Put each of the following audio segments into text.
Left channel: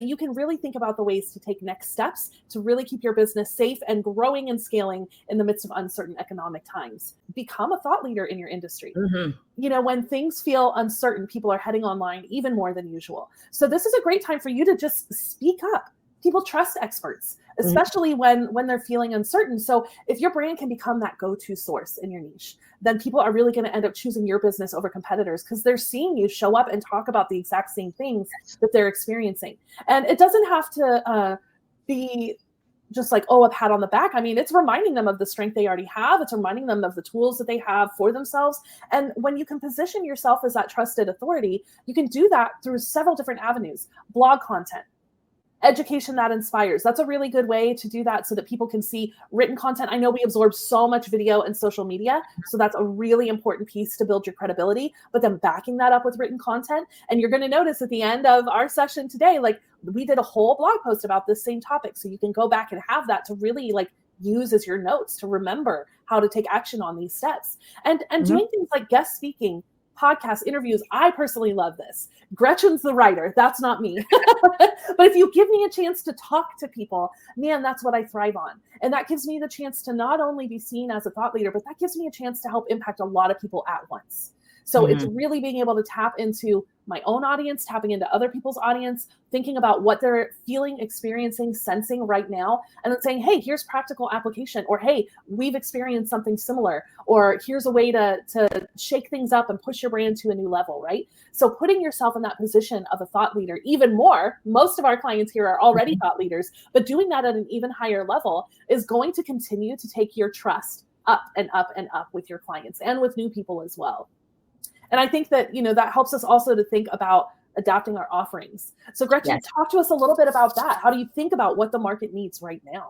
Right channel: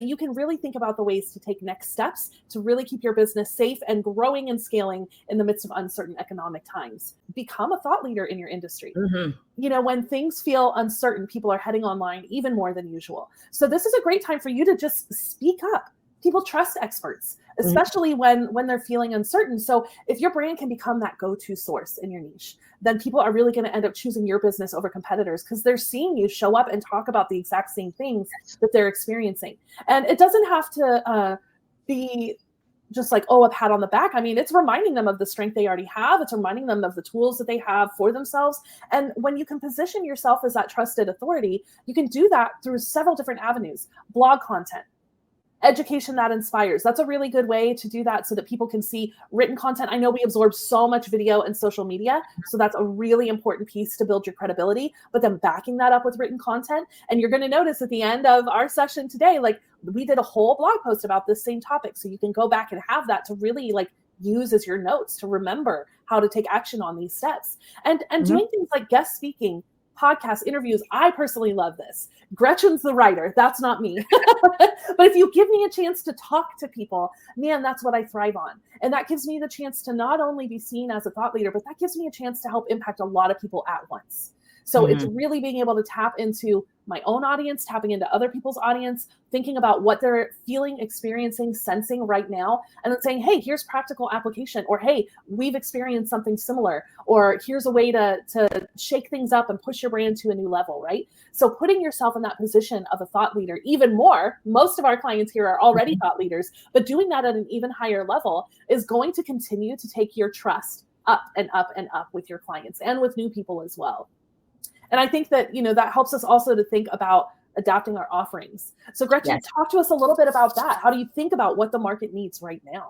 you can really think about the ways to take next steps to really keep your business safe and growing and scaling in the midst of uncertain economic times. Become a thought leader in your industry. Mm-hmm. When things feel uncertain, people are heading online even more than usual. So this is a great time for you to just speak up. People trust experts, especially when they're feeling uncertain. So if your brand can become that go-to source in your niche, then people are really going to end up choosing your business over competitors because they're seeing you show up and talk about the exact same things that they're experiencing. And it doesn't have to be just like, a pat on the back. I mean, it's reminding them of the strength they already have. It's reminding them of the tools that they have for themselves. And when you can position yourself as that trusted authority, you can do that through several different avenues. Blog content, education that inspires. That's a really good way to do that so that people can see written content. I know we absorb so much video and social media, so that's a really important piece to build your credibility, but then backing that up with written content. And you're going to notice at the end of our session today, like we did a whole blog post about this same topic. So you can go back and have that to really like use as your notes to remember how to take action on these steps. And doing things like guest speaking, podcast interviews. I personally love this. Gretchen's the writer. That's not me. But if you give me a chance to talk to people, man, that's what I thrive on. And that gives me the chance to not only be seen as a thought leader, but that gives me a chance to help impact a lot of people at once. So it's really being able to tap into my own audience, tapping into other people's audience, thinking about what they're feeling, experiencing, sensing right now, and then saying, hey, here's practical application, or hey, we've experienced something similar, or here's a way to shake things up and push your brand to a new level, right? So putting yourself in that position of a thought leader even more, most of our clients here are already thought leaders, but doing that at an even higher level is going to continue to take your trust up and up and up with your clients and with new people as well. And I think that, that helps us also to think about adapting our offerings. So Gretchen, talk to us a little bit about that. How do you think about what the market needs right now?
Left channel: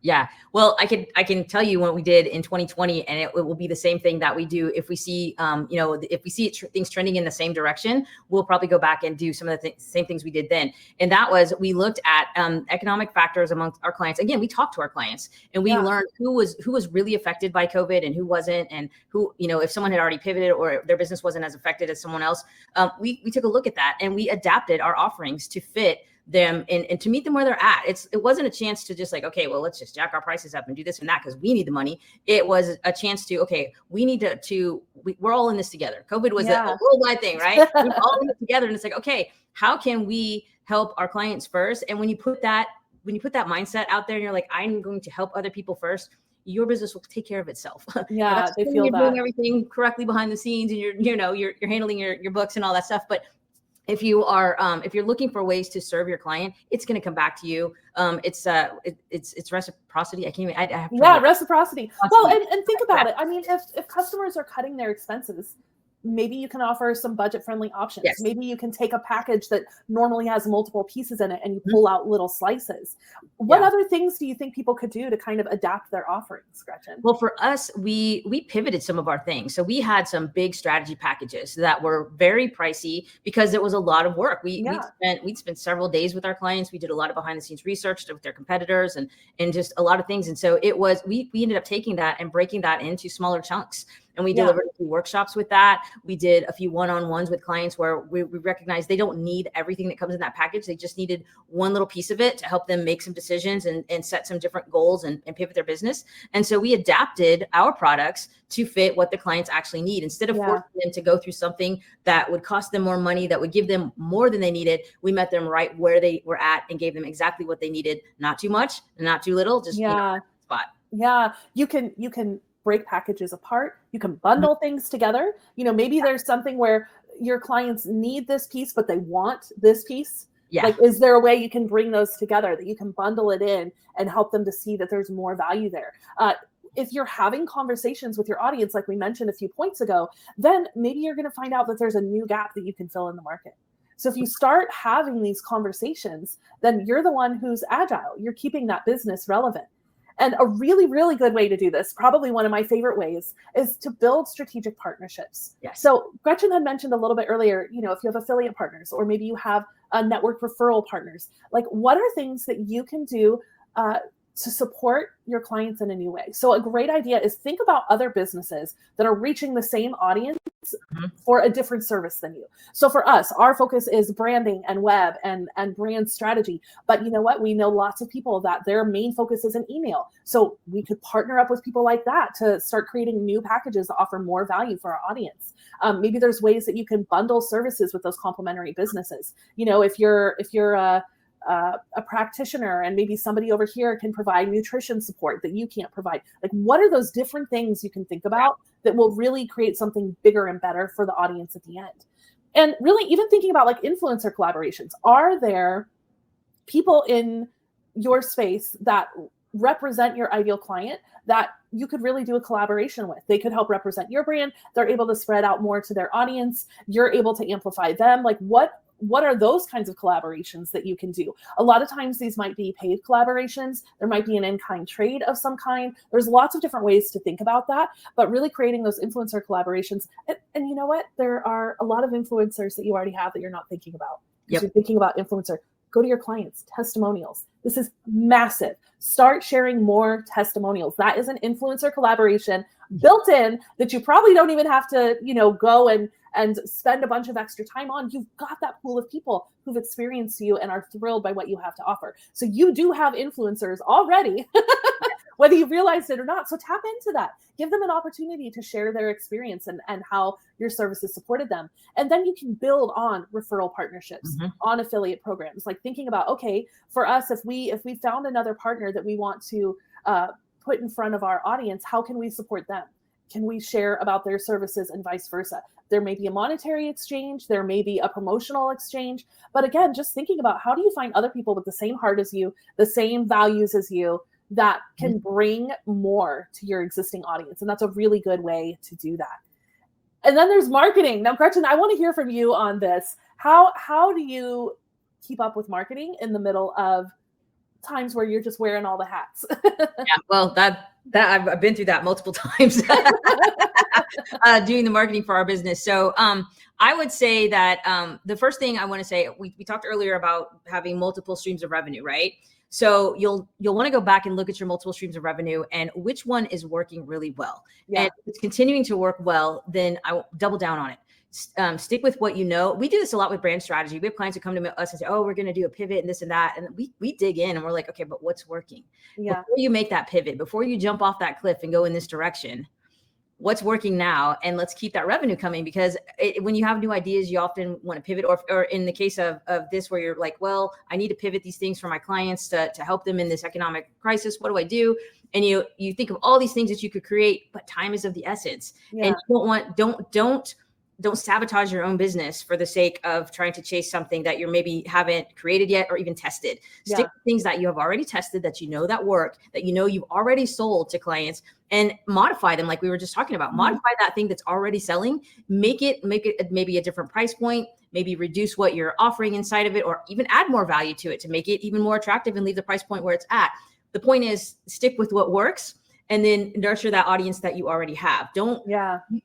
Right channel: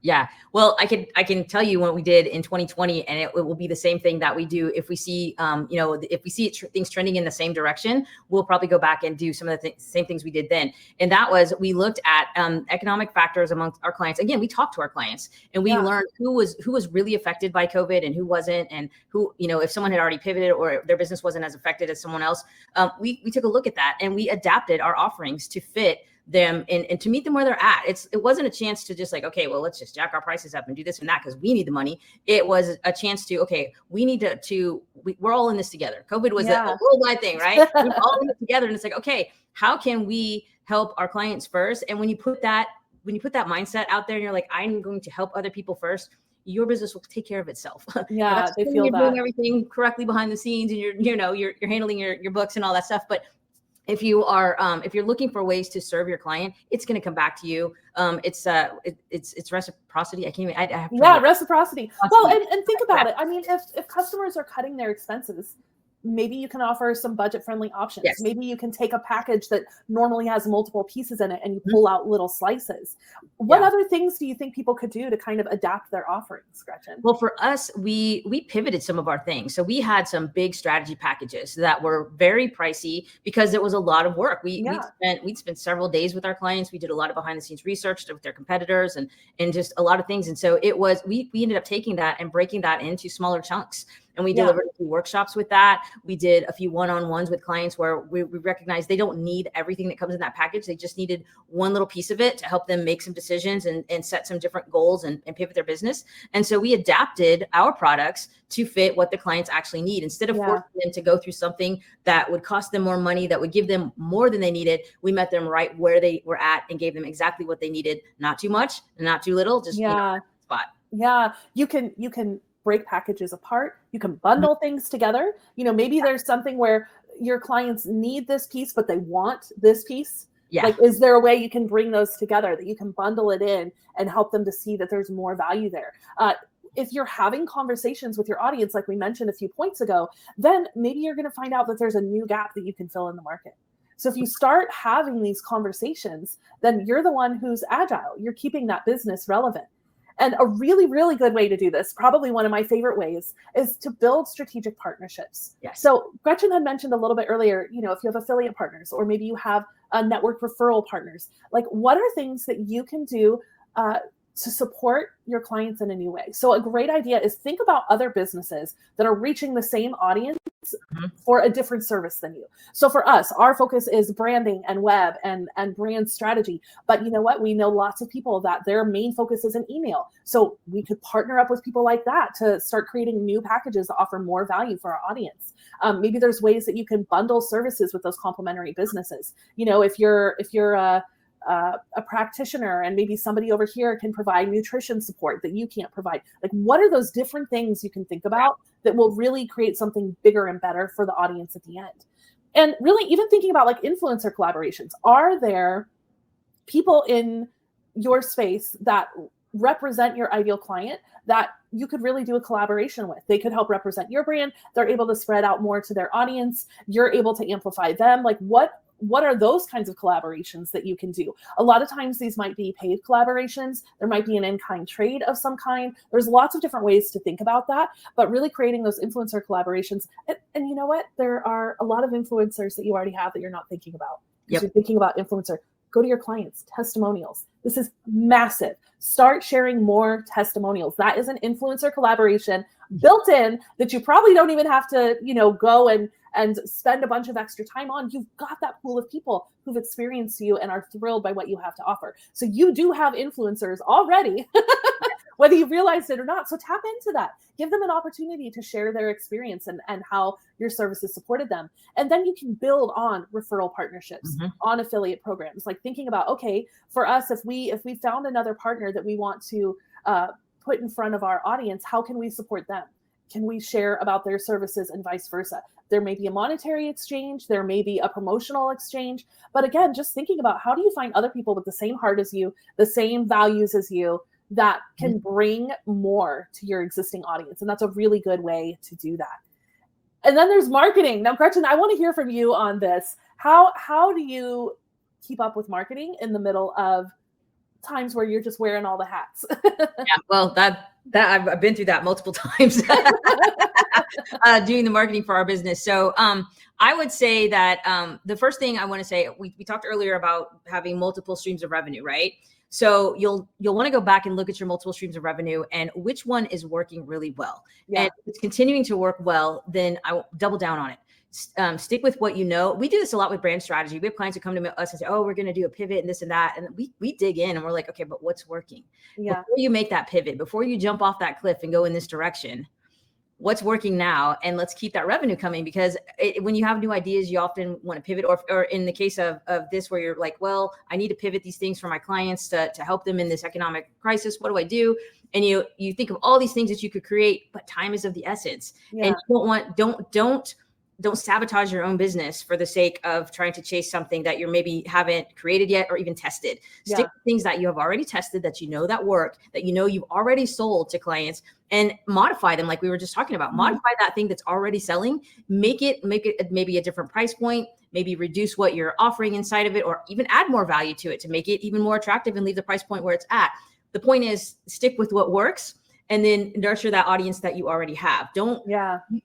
Yeah, well, I can tell you what we did in 2020, and it will be the same thing that we do if we see, if we see things trending in the same direction, we'll probably go back and do some of the same things we did then. And that was, we looked at economic factors amongst our clients. Again, we talked to our clients and we learned who was really affected by COVID and who wasn't, and who, if someone had already pivoted or their business wasn't as affected as someone else. We took a look at that and we adapted our offerings to fit them and to meet them where they're at. It wasn't a chance to just like, okay, well, let's just jack our prices up and do this and that because we need the money. It was a chance to, okay, we need we're all in this together. COVID was a worldwide thing, right? We're all in it together, and it's like, okay, how can we help our clients first? And when you put that mindset out there, and you're like, I'm going to help other people first, your business will take care of itself. Yeah, they feel you're doing everything correctly behind the scenes, and you're handling your books and all that stuff, but if you are, if you're looking for ways to serve your client, it's going to come back to you. It's reciprocity. I can't even. Reciprocity. Well, and think about it. I mean, if customers are cutting their expenses, maybe you can offer some budget-friendly options. Yes. Maybe you can take a package that normally has multiple pieces in it and you pull out little slices. What other things do you think people could do to kind of adapt their offerings, Gretchen? Well, for us, we pivoted some of our things. So we had some big strategy packages that were very pricey because it was a lot of work. We'd spent several days with our clients. We did a lot of behind-the-scenes research with their competitors and just a lot of things. And so it was, we ended up taking that and breaking that into smaller chunks. And we delivered a few workshops with that. We did a few one-on-ones with clients where we recognized they don't need everything that comes in that package. They just needed one little piece of it to help them make some decisions and set some different goals and pivot their business. And so we adapted our products to fit what the clients actually need. Instead of forcing them to go through something that would cost them more money, that would give them more than they needed, we met them right where they were at and gave them exactly what they needed. Not too much, not too little, just spot. Yeah, you can break packages apart. You can bundle things together. Maybe there's something where your clients need this piece, but they want this piece. Yeah. Like, is there a way you can bring those together, that you can bundle it in and help them to see that there's more value there? If you're having conversations with your audience, like we mentioned a few points ago, then maybe you're going to find out that there's a new gap that you can fill in the market. So if you start having these conversations, then you're the one who's agile. You're keeping that business relevant. And a really, really good way to do this, probably one of my favorite ways, is to build strategic partnerships. Yes. So Gretchen had mentioned a little bit earlier, if you have affiliate partners, or maybe you have a network referral partners, like what are things that you can do to support your clients in a new way. So a great idea is think about other businesses that are reaching the same audience for a different service than you. So for us, our focus is branding and web and brand strategy. But you know what? We know lots of people that their main focus is in email. So we could partner up with people like that to start creating new packages that offer more value for our audience. Maybe there's ways that you can bundle services with those complementary businesses. You know, if you're a practitioner and maybe somebody over here can provide nutrition support that you can't provide. Like, what are those different things you can think about that will really create something bigger and better for the audience at the end? And really even thinking about like influencer collaborations. Are there people in your space that represent your ideal client that you could really do a collaboration with? They could help represent your brand. They're able to spread out more to their audience. You're able to amplify them. Like, what are those kinds of collaborations that you can do? A lot of times these might be paid collaborations. There might be an in-kind trade of some kind. There's lots of different ways to think about that, but really creating those influencer collaborations. And you know what? There are a lot of influencers that you already have that you're not thinking about. If you're thinking about influencer, go to your clients, testimonials. This is massive. Start sharing more testimonials. That is an influencer collaboration built in that you probably don't even have to, go and spend a bunch of extra time on. You've got that pool of people who've experienced you and are thrilled by what you have to offer. So you do have influencers already, whether you realize it or not. So tap into that. Give them an opportunity to share their experience and how your services supported them. And then you can build on referral partnerships, on affiliate programs. Like thinking about, okay, for us, if we found another partner that we want to put in front of our audience, how can we support them? Can we share about their services and vice versa? There may be a monetary exchange, there may be a promotional exchange, but again, just thinking about how do you find other people with the same heart as you, the same values as you, that can bring more to your existing audience. And that's a really good way to do that. And then there's marketing. Now, Gretchen, I want to hear from you on this. How do you keep up with marketing in the middle of times where you're just wearing all the hats? Well, that I've been through that multiple times. Doing the marketing for our business. So I would say that the first thing I want to say, we talked earlier about having multiple streams of revenue, right? So you'll want to go back and look at your multiple streams of revenue and which one is working really well. Yeah. And if it's continuing to work well, then I will double down on it. Stick with what you know. We do this a lot with brand strategy. We have clients who come to us and say, oh, we're going to do a pivot and this and that. And we dig in and we're like, okay, but what's working? Yeah. Before you make that pivot, before you jump off that cliff and go in this direction, what's working now? And let's keep that revenue coming, because when you have new ideas, you often want to pivot, or in the case of this, where you're like, well, I need to pivot these things for my clients to help them in this economic crisis. What do I do? And you think of all these things that you could create, but time is of the essence. Yeah. And you don't sabotage your own business for the sake of trying to chase something that you maybe haven't created yet or even tested. Yeah. Stick with things that you have already tested, that you know that work, that you know you've already sold to clients, and modify them like we were just talking about. Modify that thing that's already selling, make it maybe a different price point, maybe reduce what you're offering inside of it, or even add more value to it to make it even more attractive and leave the price point where it's at. The point is, stick with what works, and then nurture that audience that you already have.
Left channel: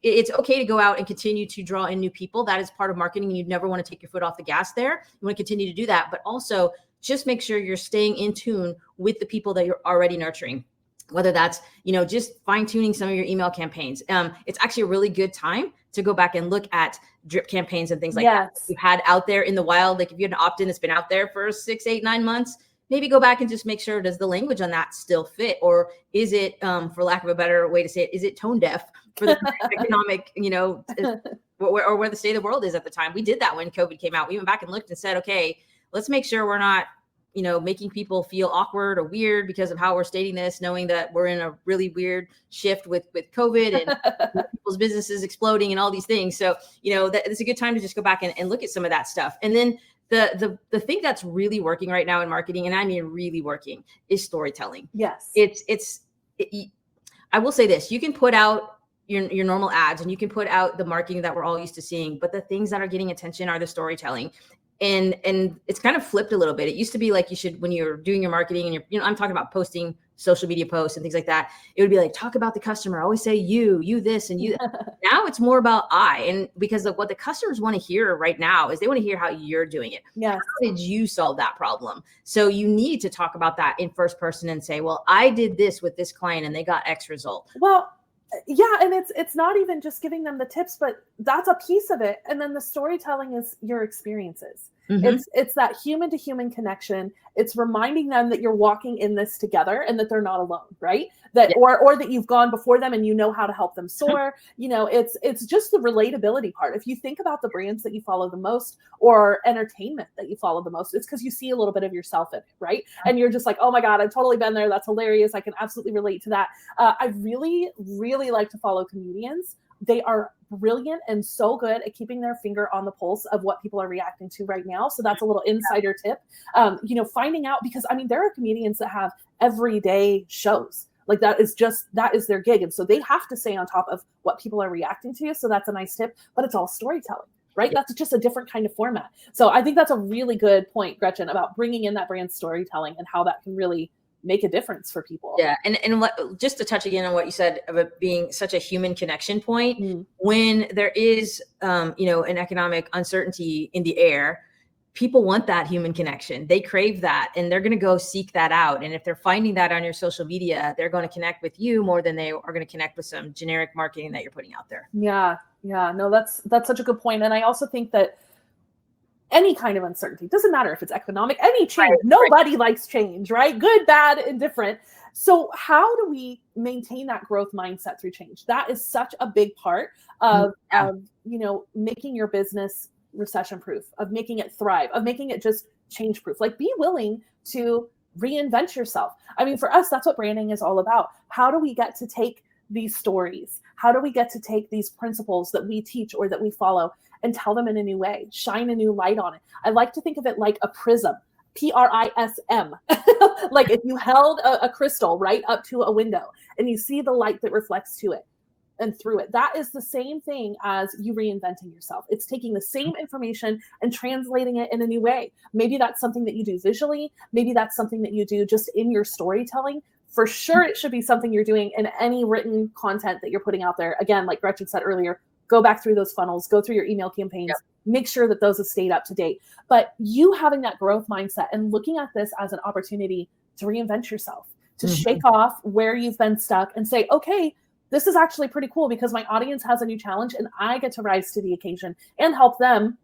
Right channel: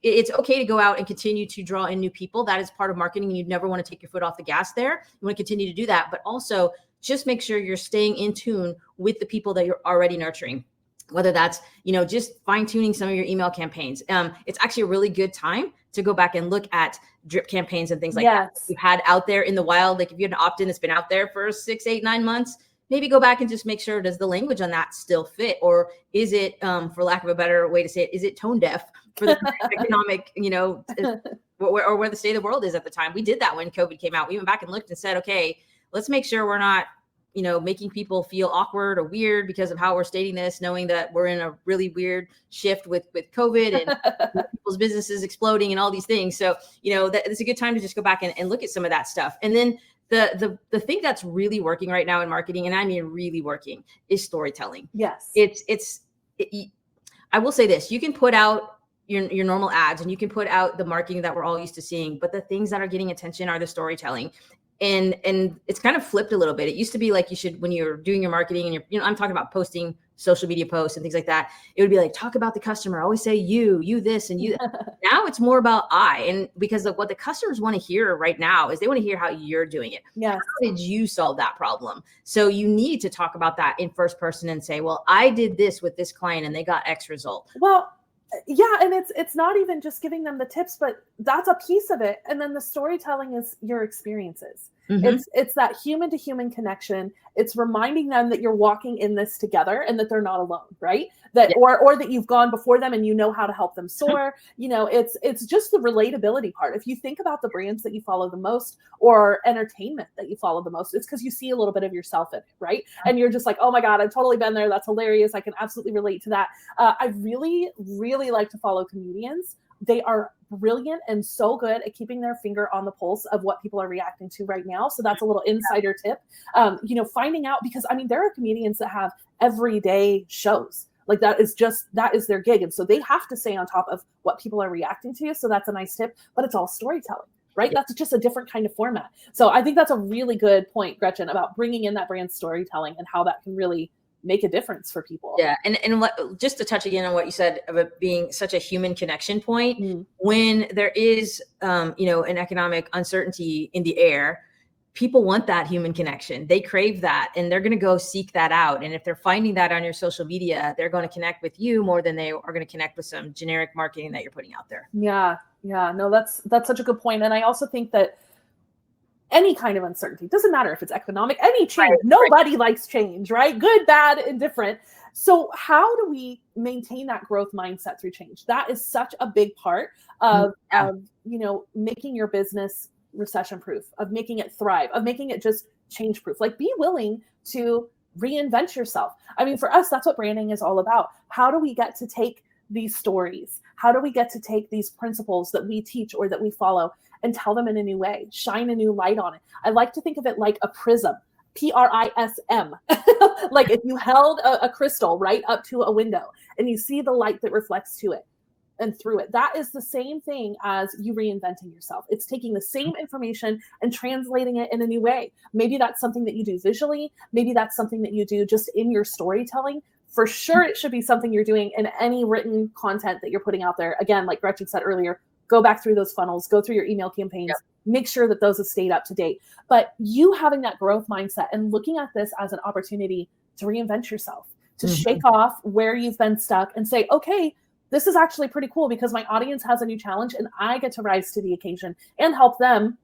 It's okay to go out and continue to draw in new people. That is part of marketing. You never want to take your foot off the gas there. You want to continue to do that, but also just make sure you're staying in tune with the people that you're already nurturing. Whether that's, just fine tuning some of your email campaigns. It's actually a really good time to go back and look at drip campaigns and things like that you've had out there in the wild. Like if you had an opt-in that's been out there for 6, 8, 9 months, maybe go back and just make sure, does the language on that still fit? Or is it, for lack of a better way to say it, is it tone deaf for the economic, or where the state of the world is at the time? We did that when COVID came out. We went back and looked and said, okay, let's make sure we're not, making people feel awkward or weird because of how we're stating this, knowing that we're in a really weird shift with COVID and people's businesses exploding and all these things. So, that it's a good time to just go back and look at some of that stuff. And then the thing that's really working right now in marketing, and I mean really working, is storytelling. Yes. I will say this, you can put out your normal ads and you can put out the marketing that we're all used to seeing, but the things that are getting attention are the storytelling. And it's kind of flipped a little bit. It used to be like you should, when you're doing your marketing and I'm talking about posting social media posts and things like that, it would be like, talk about the customer, always say you this and you. Now it's more about I, and because of what the customers want to hear right now is they want to hear how you're doing it. Yes. How did you solve that problem? So you need to talk about that in first person and say, well, I did this with this client and they got X result. Well, yeah, and it's not even just giving them the tips, but that's a piece of it. And then the storytelling is your experiences. It's that human to human connection. It's reminding them that you're walking in this together and that they're not alone, right? That or that you've gone before them and you know how to help them soar. It's just the relatability part. If you think about the brands that you follow the most or entertainment that you follow the most, it's because you see a little bit of yourself in it, right? And you're just like, oh my God, I've totally been there. That's hilarious. I can absolutely relate to that. I really, really like to follow comedians. They are brilliant and so good at keeping their finger on the pulse of what people are reacting to right now. So that's a little insider tip. Finding out, because I mean, there are comedians that have everyday shows. Like that is their gig. And so they have to stay on top of what people are reacting to. So that's a nice tip, but it's all storytelling, right? That's just a different kind of format. So I think that's a really good point, Gretchen, about bringing in that brand storytelling and how that can really make a difference for people. Yeah. And just to touch again on what you said of it being such a human connection point, when there is, an economic uncertainty in the air, people want that human connection. They crave that and they're going to go seek that out. And if they're finding that on your social media, they're going to connect with you more than they are going to connect with some generic marketing that you're putting out there. Yeah. No, that's such a good point. And I also think that any kind of uncertainty, doesn't matter if it's economic, any change, nobody likes change, right? Good, bad, indifferent. So how do we maintain that growth mindset through change? That is such a big part of making your business recession-proof, of making it thrive, of making it just change-proof. Like, be willing to reinvent yourself. I mean, for us, that's what branding is all about. How do we get to take these stories? How do we get to take these principles that we teach or that we follow and tell them in a new way, shine a new light on it? I like to think of it like a prism, Prism. Like if you held a crystal right up to a window and you see the light that reflects to it and through it, that is the same thing as you reinventing yourself. It's taking the same information and translating it in a new way. Maybe that's something that you do visually. Maybe that's something that you do just in your storytelling. For sure, it should be something you're doing in any written content that you're putting out there. Again, like Gretchen said earlier, go back through those funnels, go through your email campaigns, make sure that those have stayed up to date. But you having that growth mindset and looking at this as an opportunity to reinvent yourself, to shake off where you've been stuck and say, okay, this is actually pretty cool because my audience has a new challenge and I get to rise to the occasion and help them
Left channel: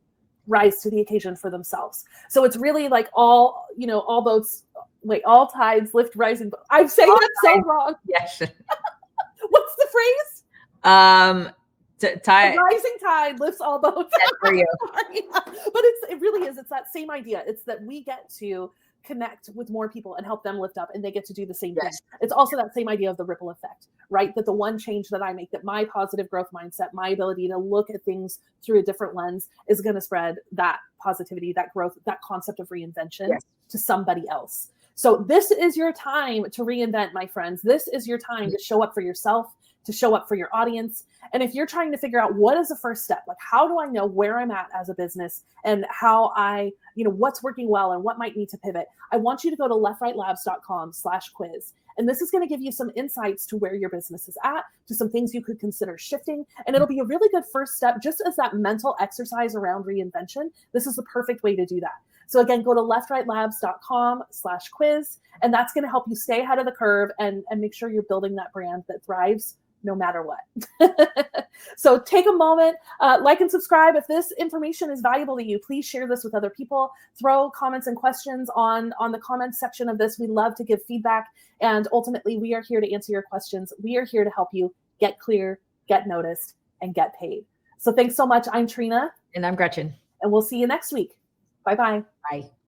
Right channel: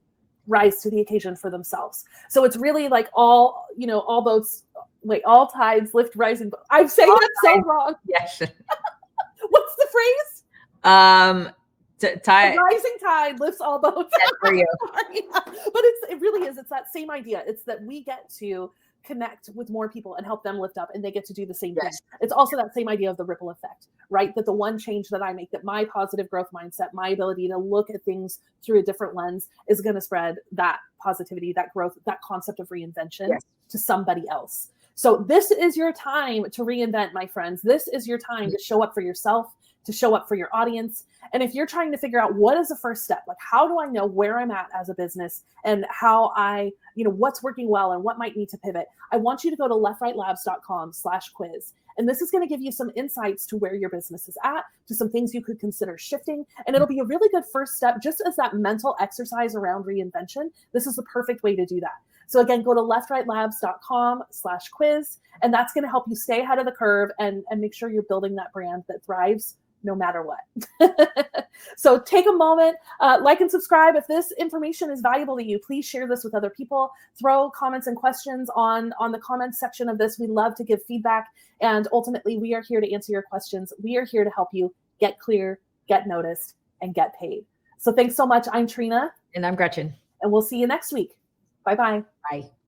rise to the occasion for themselves. So it's really like all those, like all tides lift rising. I'm saying it so wrong. Yes. What's the phrase? Rising tide lifts all boats. For you. But it really is. It's that same idea. It's that we get to connect with more people and help them lift up and they get to do the same thing. It's also that same idea of the ripple effect, right? That the one change that I make, that my positive growth mindset, my ability to look at things through a different lens is going to spread that positivity, that growth, that concept of reinvention to somebody else. So this is your time to reinvent, my friends. This is your time to show up for yourself, to show up for your audience. And if you're trying to figure out what is the first step, like how do I know where I'm at as a business and how I, what's working well and what might need to pivot, I want you to go to leftrightlabs.com/quiz. And this is going to give you some insights to where your business is at, to some things you could consider shifting. And it'll be a really good first step, just as that mental exercise around reinvention. This is the perfect way to do that. So again, go to leftrightlabs.com/quiz. And that's going to help you stay ahead of the curve and make sure you're building that brand that thrives no matter what. So take a moment, like and subscribe. If this information is valuable to you, please share this with other people. Throw comments and questions on the comments section of this. We love to give feedback. And ultimately, we are here to answer your questions. We are here to help you get clear, get noticed, and get paid. So thanks so much. I'm Trina. And I'm Gretchen. And we'll see you next week. Bye-bye. Bye.